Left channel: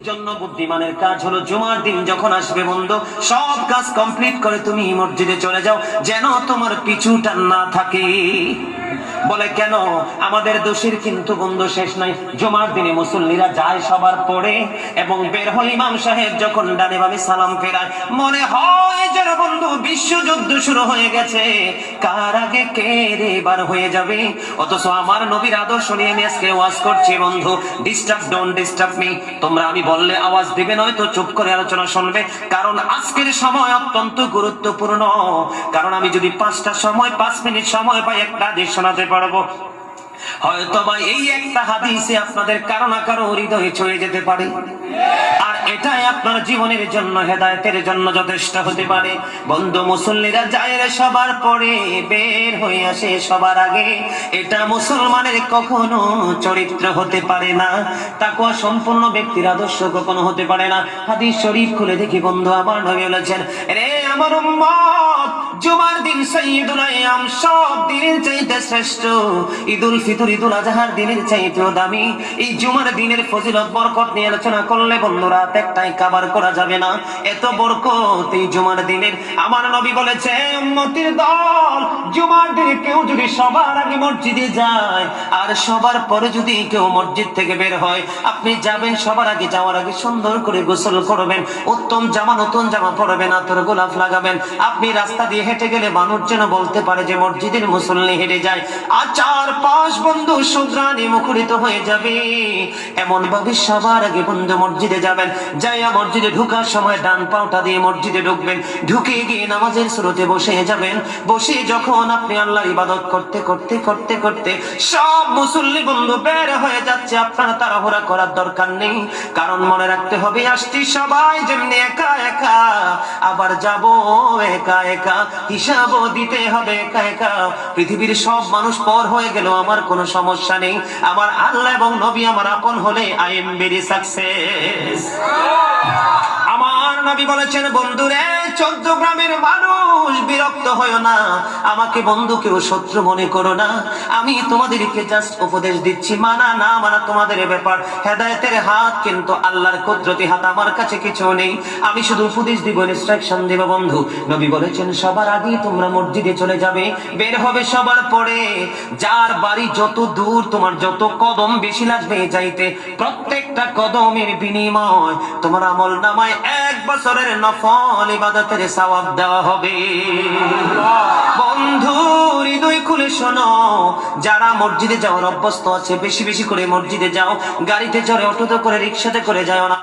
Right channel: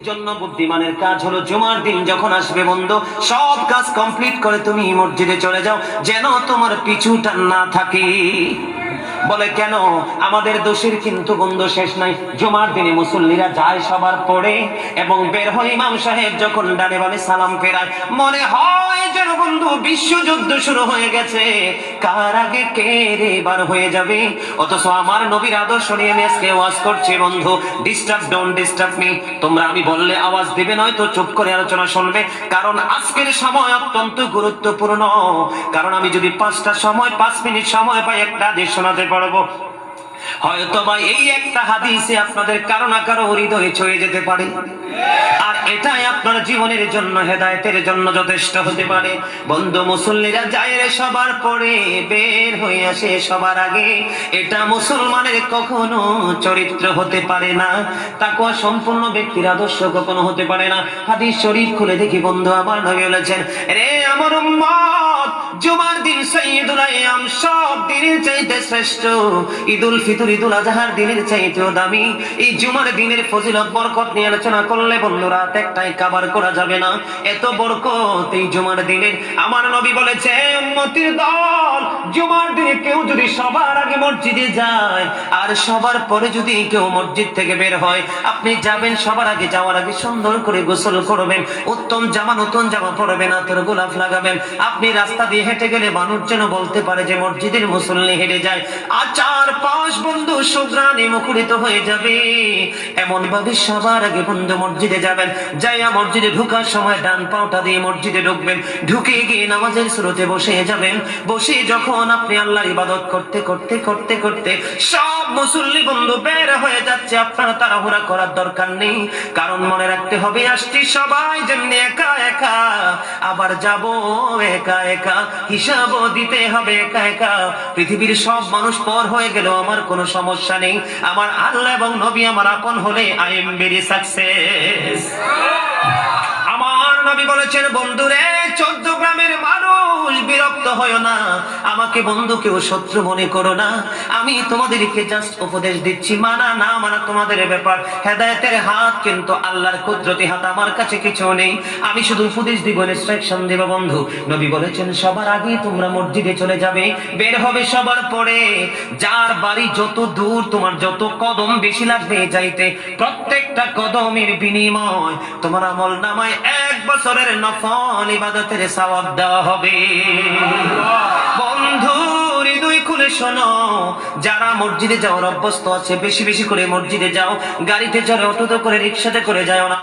জন্য বুদ্ধিমানের কাজ হলো জুমার দিন যখন আসবে বন্ধু, সব কাজ কমপ্লিট করে তুমি মসজিদে চলে যাও, যেন তোমার পিছু টান না থাকে। বলে কেন? আমাদের দোষের কিন্তু বন্ধু শেষ নাই। জুমার দিনে মুসল্লিরা যায় সবার পরে এবং বের হয়, ইমাম সাহেব যখন ডানে বামে সালাম ফেরায়, মনে হয় যেন বন্ধু বিশ্বযুদ্ধ শুরু হয়ে গেছে, কার আগে কে রে বার হয়ে যাবে। অথচ আমার নবীর আদর্শ নিয়ে আমি আজকে ওয়াজ করছি বন্ধু, ডিস্টার্ব ডোন্ট ডিস্টার্ব মি। তোমরা আমি বললে আওয়াজ দিবে, নয়তো চুপ করে আলোচনা শুনবে, কারণ আজকের সময় অত্যন্ত গুরুত্বপূর্ণ। কারণ আমি যদি 5 মিনিট সময় পাই, একটা হাদিস শোনাতে পারবো। হয়তো বা এই একটা হাদিসে আপনাদের কারো না কারো হৃদয়ে ছুঁয়ে যেতে পারে, আর এটাই আপনার জীবনের জন্য, হেদায়েতের জন্য যথেষ্ট হতে পারে। বন্ধু, মুসল্লিরা যায় সবার পরে, বের হয়ে আসে সবার আগে, এটা মুসলমানের কখনো চরিত্র হতে পারে না। তাকওয়া সম্পূর্ণ ব্যক্তির আদর্শ কখনো হতে পারে না। হাদিস শরীফ খুলে দেখি বন্ধু, আমার নবী বলেছেন, রে আমার উম্মত, জুমার দিন সাইয়্যিদুল আইয়াম, সব দিনের চাইতে শ্রেষ্ঠ। ঈদুল ফিতর, ঈদুল আজহার দিনের চাইতেও দামি। এই জুমার দিনের ফজিলত বরকত নিয়ে আলোচনা করলে বন্ধু রাত একটাই কভার করা যাবে না, এত বরকত এই জুমার দিনের। আমার নবী বলেছে, উম্মতের দল, জুমার দিনে কেউ যদি সবার আগে মসজিদে যায় আর সবার পরে যদি কেউ মসজিদ থেকে বের হয়, আপনি যাবেন, সবার আগে যাওয়ার আগে সুন্দর করে গোসল করবেন, উত্তম জামা, নতুন জামা পরবেন, আতর গোলাপ লাগাবেন। আপনি রাস্তা দিয়ে হেঁটে গেলে মানুষ যেন বলতে পারে যে মসজিদের মুসল্লি হেঁটে যায়। আর চারপাশ বন্ধু সুঘ্রাণে মুখরিত হয়ে যাবে। এমন ভাবে সবার আগে বন্ধু মসজিদে যাবেন, যাইয়া মসজিদে ঢুকার সময় ডান পাওটা দিয়ে মসজিদে ঢুকবেন, ঢুকে গিয়ে নামাজের শুরুতে বসে যাবেন। বসে যখন আপনি আল্লাহর ইবাদত করতে করতে করতে করতে সব মুসল্লি বন্ধু বের হয়ে যাচ্ছে, আপনারা তাড়াহুড়া করার দরকার নেই। কারণ মনে রাখতে হবে, আসছি সবাই যেমনি একা একা, আবার যাব একা একা, হিসাবও দিতে হবে একা একা। পৃথিবীর সব মানুষ পর হয়ে গেল আমার কোনো সমস্যা নেই, আমার আল্লাহ এবং নবী আমার আপন হলে আই এম ভেরি সাকসেস। আমার নবী বলেছেন, বন্ধুরে, 14 গ্রামের মানুষ বিরক্ত হয় না, আমাকে বন্ধু কেউ শত্রু মনে করো না, আমি তোমাদেরকে জাস্ট উপদেশ দিচ্ছি, মানা না মানা তোমাদের ব্যাপার। হেদায়েতের হাত কিন্তু আল্লাহর কুদরতি হাত, আমার কাছে কিছু নেই, আমি শুধু উপদেশ দিব, ইনস্ট্রাকশন দেব বন্ধু। নবী বলেছেন, সবার আগে তোমরা মসজিদে চলে যাবে, বের হবে সবার পরে, যার বাড়ি যত দূর, তোমার যত কদম বেশি লাগবে যাইতে, প্রত্যেকটা কদমের বিনিময় তোমার আমল নামায় 1 বছরের নফল ইবাদতের সওয়াব দেওয়া হবে। বন্ধু, হৃদয় খুলে শোনো, যারা মসজিদে যাওয়ার অভ্যস্ত আছে, বেশি বেশি করে মসজিদে যাও, গাড়িতে চড়ে, অটোতে করে, রিক্সাতে করে যাও না।